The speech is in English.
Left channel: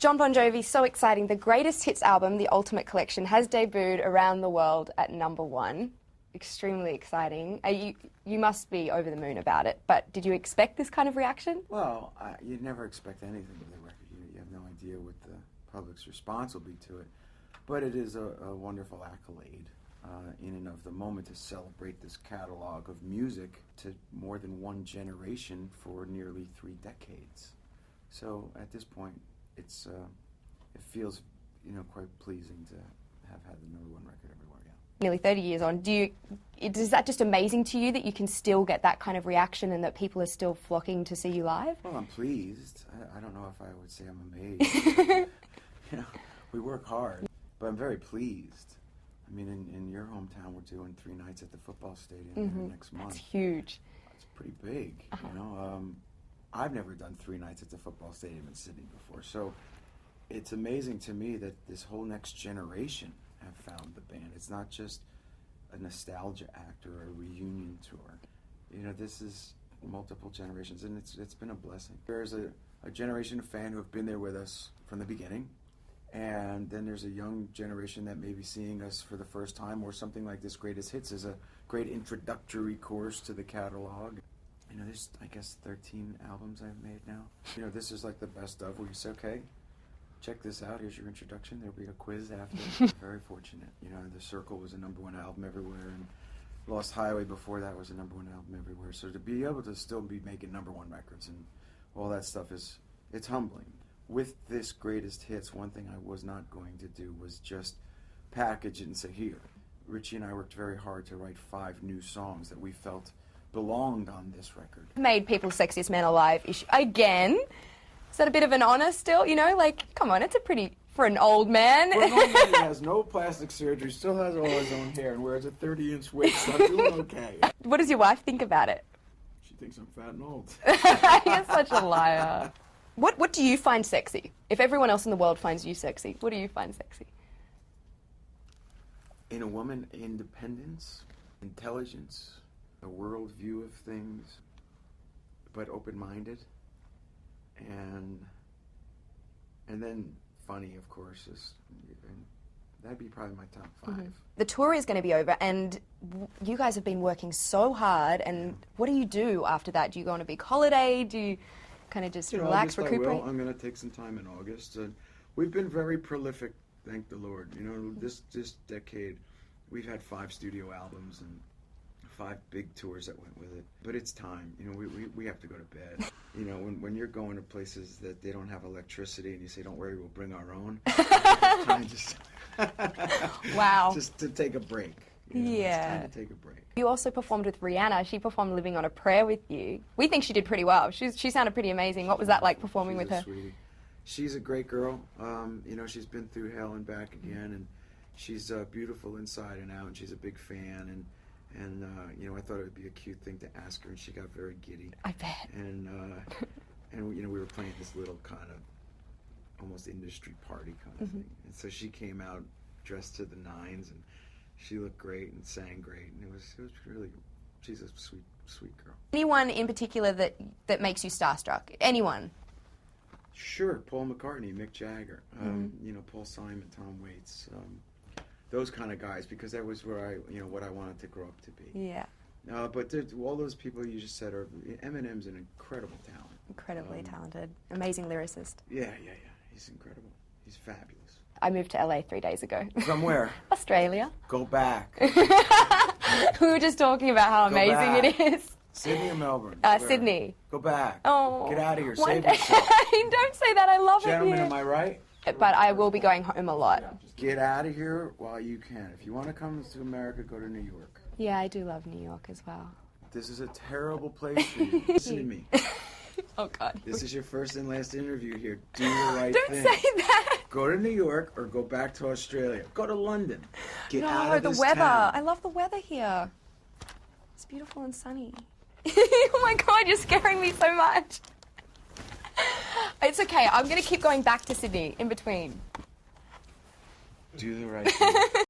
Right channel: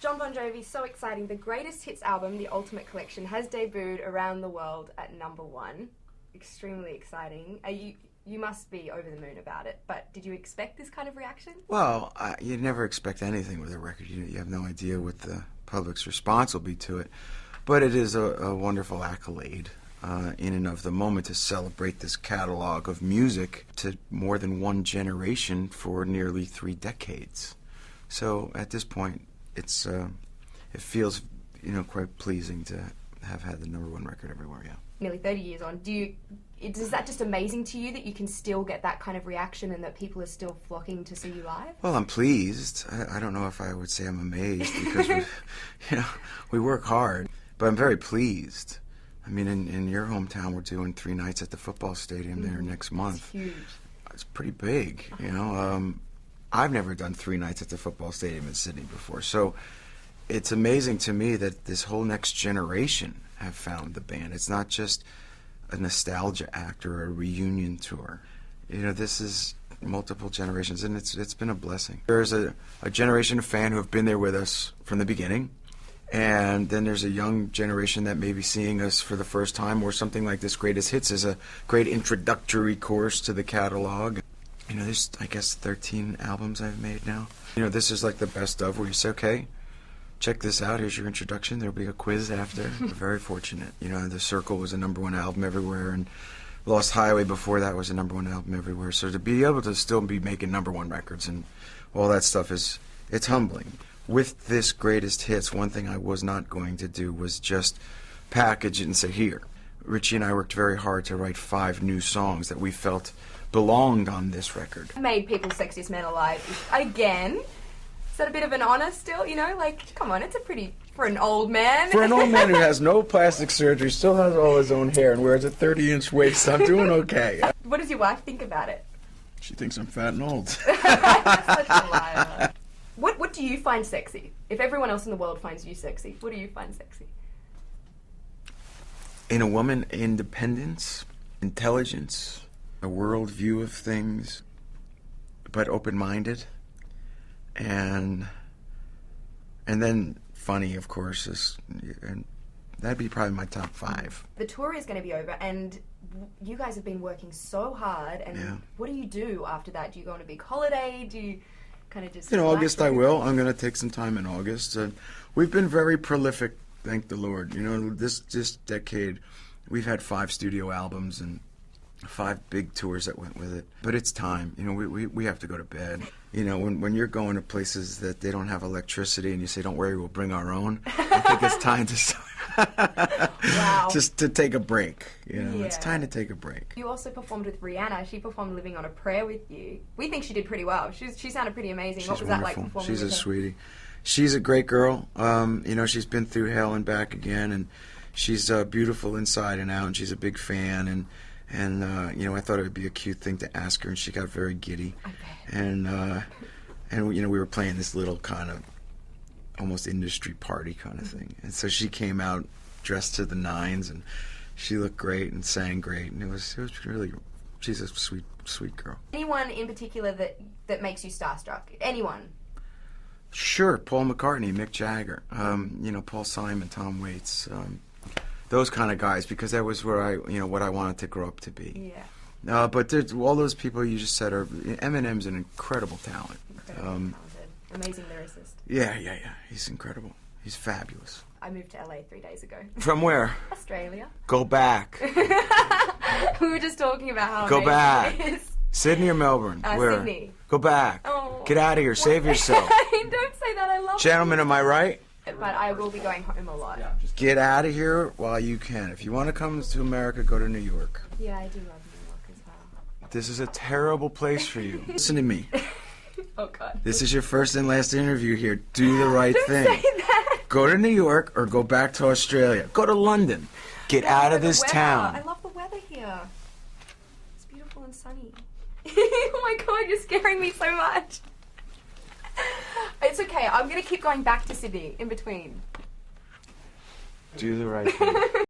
Jon Bon Jovi, so exciting. The greatest hits album, The Ultimate Collection, has debuted around the world at #1. Extremely exciting. You must be over the moon about it, but did you expect this kind of reaction? Well, you never expect anything with a record. You have no idea what the public's response will be to it. But it is a wonderful accolade in and of the moment to celebrate this catalog of music to more than one generation for nearly 3 decades. So at this point, it feels, quite pleasing to have had the #1 record everywhere. Yeah. Nearly 30 years on, is that just amazing to you that you can still get that kind of reaction and that people are still flocking to see you live? Well, I'm pleased. I don't know if I would say I'm amazed because we work hard, but I'm very pleased. I mean, in your hometown, we're doing 3 nights at the football stadium there next month. It's huge. It's pretty big, I've never done 3 nights at the football stadium in Sydney before, so it's amazing to me that this whole next generation have found the band. It's not just a nostalgia act or a reunion tour. This is multiple generations, and it's been a blessing. There's a generation of fan who have been there with us from the beginning, and then there's a young generation that may be seeing us for the first time, or something like this Greatest Hits is a great introductory course to the catalog. There's, I guess, 13 albums I've made now. This is like the best of, where you say, okay, check this out, here's your introduction, there'll be a quiz after. We're very fortunate. The Circle was a #1 album everywhere, and Lost Highway before that was a #1 album everywhere. So to be able to still be making #1 records and all that stuff it's humbling. With this Greatest Hits, one thing I was not going to do was just package it and say, here. Richie and I worked very hard to write 5 new songs that we felt belonged on this record. Made People's Sexiest Man Alive again. Is that a bit of an honor still? Come on, it's a pretty, for an old man. For an old man who has no plastic surgery, still has all his own hair, and wears a 30-inch waist, I'm doing okay. What does your wife think about it? She thinks I'm fat and old. You're such a liar. What do you find sexy? If everyone else in the world finds you sexy, what do you find sexy? In a woman, independence, intelligence, a world view of things, but open-minded, and then funny, of course, and that'd be probably my top 5. The tour is going to be over, and you guys have been working so hard, and what do you do after that? Do you go on a big holiday? Do you kind of just in August, I will. I'm going to take some time in August. We've been very prolific, thank the Lord. This decade, we've had 5 studio albums and 5 big tours that went with it. But it's time. We have to go to bed. When you're going to places that they don't have electricity and you say, don't worry, we'll bring our own, I think it's time to wow. just to take a break. It's time to take a break. You also performed with Rihanna. She performed Living on a Prayer with you. We think she did pretty well. She sounded pretty amazing. What was that like performing with her? She's a sweetie. She's a great girl. She's been through hell and back again, and she's beautiful inside and out, and she's a big fan, and I thought it would be a cute thing to ask her, and she got very giddy. I bet. And we were playing this little kind of almost industry party kind of thing, and so she came out dressed to the nines, and she looked great and sang great, and it was really, she's a sweet girl. Anyone in particular that makes you starstruck? Anyone? Sure, Paul McCartney, Mick Jagger, Paul Simon, Tom Waits. Those kind of guys, because that was where what I wanted to grow up to be. Yeah. But there's all those people you just said Eminem's an incredible talent. Incredibly talented. Amazing lyricist. Yeah. He's incredible. He's fabulous. I moved to LA 3 days ago. From where? Australia. Go back. We were just talking about how Go back. amazing it is. Sydney or Melbourne? Where? Sydney. Go back. Oh. Get out of here. Save yourself. Don't say that. I love Gentlemen, it. am I right? But I will be going home a lot. Get out of here while you can. If you want to come to America, go to New York. Yeah, I do love New York as well. This is a terrible place for you. Listen to me. Oh, God. This is your first and last interview here. Do the right thing. Don't say that. Go to New York or go back to Australia. Go to London. Get out of this town. I love the weather here. It's beautiful and sunny. Oh, my God, you're scaring me so much. It's okay. I'm going to keep going back to Sydney in between. Do the right thing.